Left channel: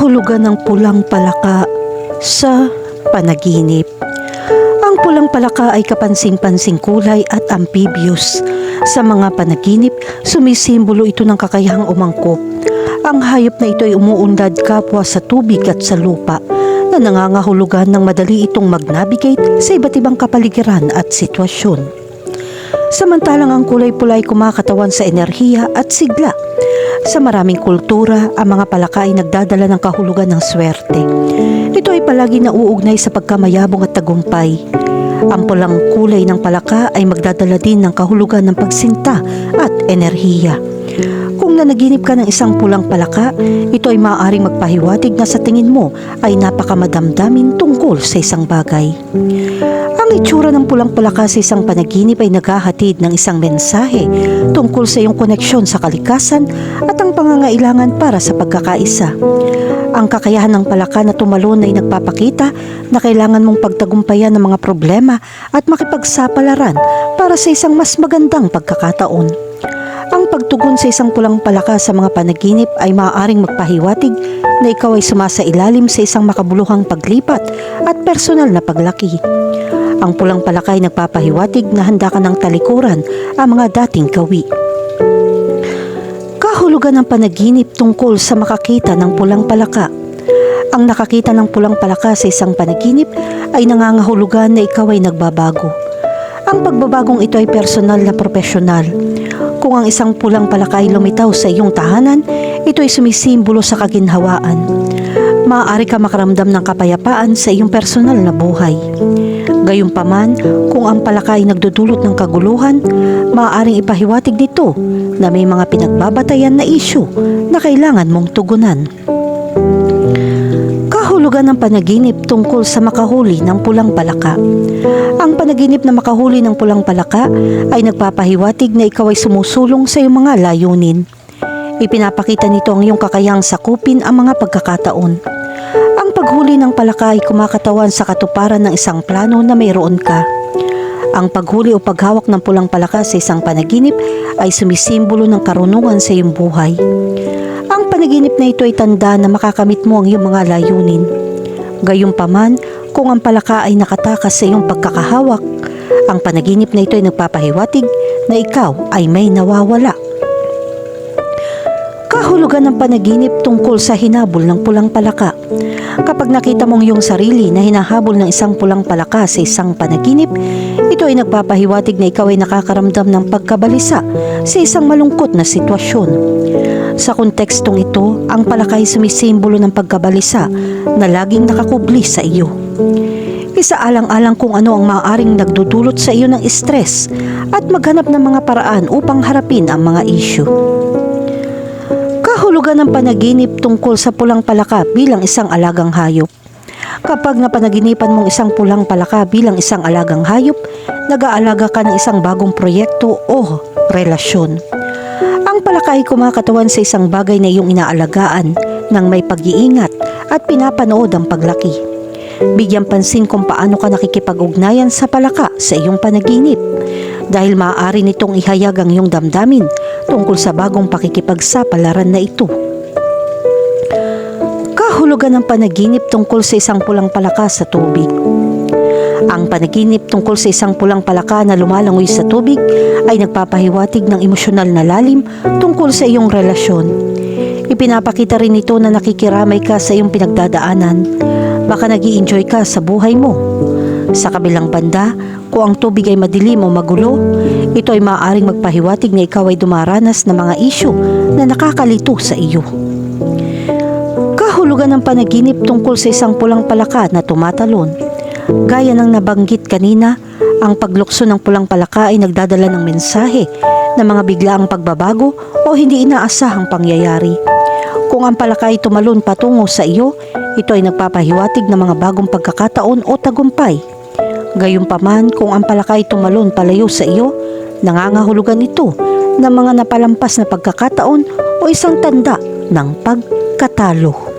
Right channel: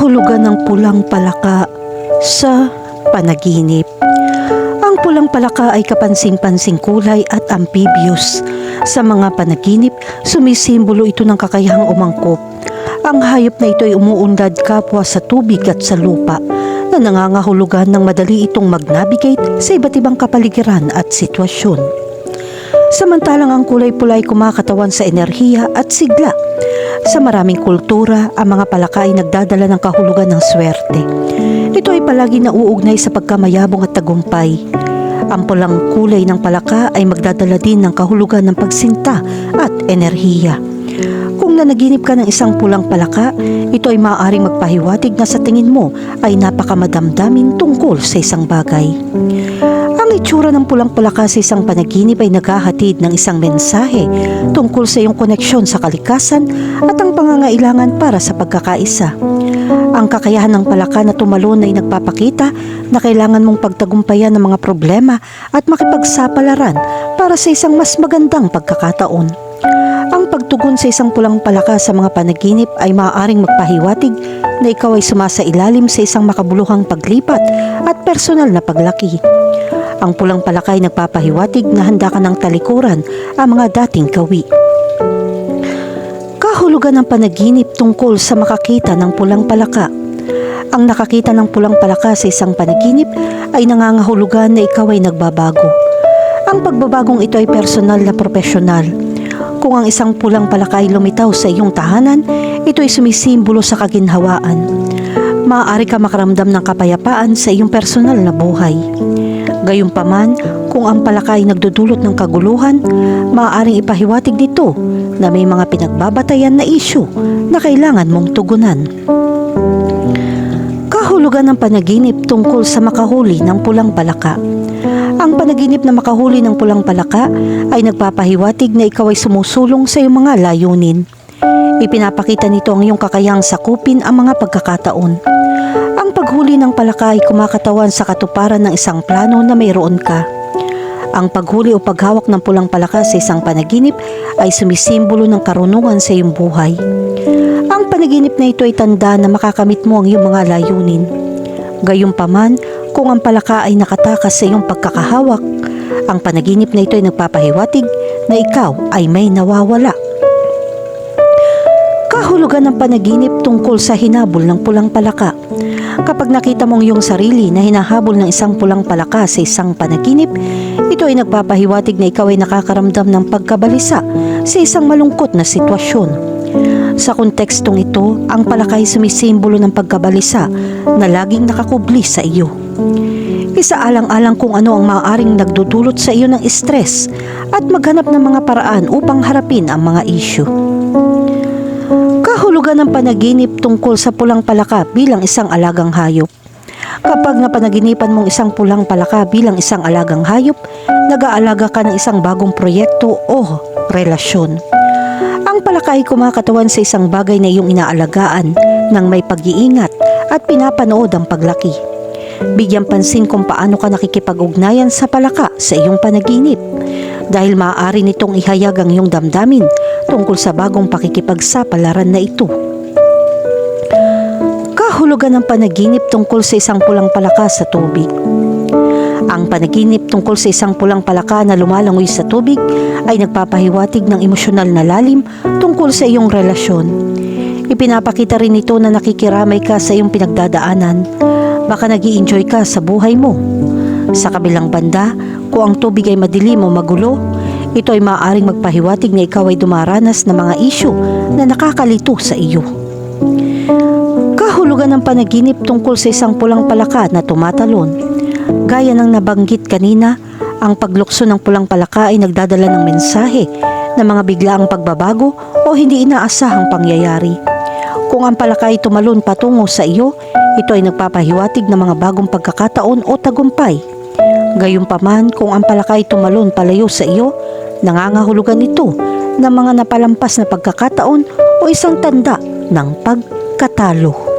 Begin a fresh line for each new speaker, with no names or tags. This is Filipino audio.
kahulugan ng pulang palaka sa panaginip. Ang pulang palaka ay kapansing-pansing kulay at amphibious. Sa mga panaginip, sumisimbolo ito ng kakayahang umangkop. Ang hayop na ito ay umuunlad kapwa sa tubig at sa lupa na nangangahulugan ng madali itong mag-navigate sa iba't ibang kapaligiran at sitwasyon. Samantalang ang kulay pula ay kumakatawan sa enerhiya at sigla. Sa maraming kultura, ang mga palaka ay nagdadala ng kahulugan ng swerte. Ito ay palagi nauugnay sa pagkamayabong at tagumpay. Ang pulang kulay ng palaka ay magdadala din ng kahulugan ng pagsinta at enerhiya. Kung nanaginip ka ng isang pulang palaka, ito ay maaaring magpahiwatig na sa tingin mo ay napakamadamdamin tungkol sa isang bagay. Ang itsura ng pulang palaka sa isang panaginip ay naghahatid ng isang mensahe tungkol sa iyong koneksyon sa kalikasan at ang pangangailangan para sa pagkakaisa. Ang kakayahan ng palaka na tumalon ay nagpapakita na kailangan mong pagtagumpayan ng mga problema at makipagsapalaran para sa isang mas magandang pagkakataon. Ang pagtugon sa isang pulang palaka sa mga panaginip ay maaaring magpahiwatig na ikaw ay sumasailalim sa isang makabuluhang paglipat at personal na paglaki. Ang pulang palaka ay nagpapahiwatig na handa ka ng talikuran ang mga dating kawi. Kahulugan ng panaginip tungkol sa makakita ng pulang palaka. Ang nakakita ng pulang palaka sa isang panaginip ay nangangahulugan na ikaw ay nagbabago. Ang pagbabagong ito ay personal na profesional. Kung ang isang pulang palaka ay lumitaw sa iyong tahanan, ito ay sumisimbolo sa kaginhawaan. Maaari ka makaramdam ng kapayapaan sa iyong personal na buhay. Gayunpaman, kung ang palaka ay nagdudulot ng kaguluhan, maaaring ipahiwatig dito na may mga pinagbabatayan na isyu na kailangan mong tugunan. Kahulugan ng panaginip tungkol sa makahuli ng pulang palaka. Ang panaginip na makahuli ng pulang palaka ay nagpapahiwatig na ikaw ay sumusulong sa iyong mga layunin. Ipinapakita nito ang iyong kakayang sakupin ang mga pagkakataon. Paghuli ng palaka ay kumakatawan sa katuparan ng isang plano na mayroon ka. Ang paghuli o paghawak ng pulang palaka sa isang panaginip ay sumisimbolo ng karunungan sa iyong buhay. Ang panaginip na ito ay tanda na makakamit mo ang iyong mga layunin. Gayunpaman, kung ang palaka ay nakatakas sa iyong pagkakahawak, ang panaginip na ito ay nagpapahiwatig na ikaw ay may nawawala. Kahulugan ng panaginip tungkol sa hinabol ng pulang palaka. Kapag nakita mong iyong sarili na hinahabol ng isang pulang palaka sa isang panaginip, ito ay nagpapahiwatig na ikaw ay nakakaramdam ng pagkabalisa sa isang malungkot na sitwasyon. Sa kontekstong ito, ang palaka ay sumisimbolo ng pagkabalisa na laging nakakubli sa iyo. Isaalang-alang kung ano ang maaaring nagdudulot sa iyo ng stress at maghanap ng mga paraan upang harapin ang mga issue. Kahulugan ng panaginip tungkol sa pulang palaka bilang isang alagang hayop. Kapag napanaginipan mong isang pulang palaka bilang isang alagang hayop, nag-aalaga ka ng isang bagong proyekto o relasyon. Ang palaka ay kumakatawan sa isang bagay na iyong inaalagaan ng may pag-iingat at pinapanood ang paglaki. Bigyan pansin kung paano ka nakikipag-ugnayan sa palaka sa iyong panaginip dahil maaari nitong ihayag ang iyong damdamin tungkol sa bagong pakikipagsapalaran na ito. Kahulugan ng panaginip tungkol sa isang pulang palaka sa tubig. Ang panaginip tungkol sa isang pulang palaka na lumalangoy sa tubig ay nagpapahiwatig ng emosyonal na lalim tungkol sa iyong relasyon. Ipinapakita rin ito na nakikiramay ka sa iyong pinagdadaanan. Baka nag enjoy ka sa buhay mo. Sa kabilang banda, kung ang tubig ay madilim o magulo, ito ay maaaring magpahiwatig na ikaw ay dumaranas ng mga isyu na nakakalito sa iyo. Kahulugan ng panaginip tungkol sa isang pulang palaka na tumatalon. Gaya ng nabanggit kanina, ang paglukso ng pulang palaka ay nagdadala ng mensahe na mga biglaang pagbabago o hindi inaasahang pangyayari. Kung ang palaka ay tumalon patungo sa iyo, ito ay nagpapahiwatig ng mga bagong pagkakataon o tagumpay. Gayunpaman, kung ang palaka ay tumalon palayo sa iyo, nangangahulugan ito ng mga napalampas na pagkakataon o isang tanda ng pagkatalo.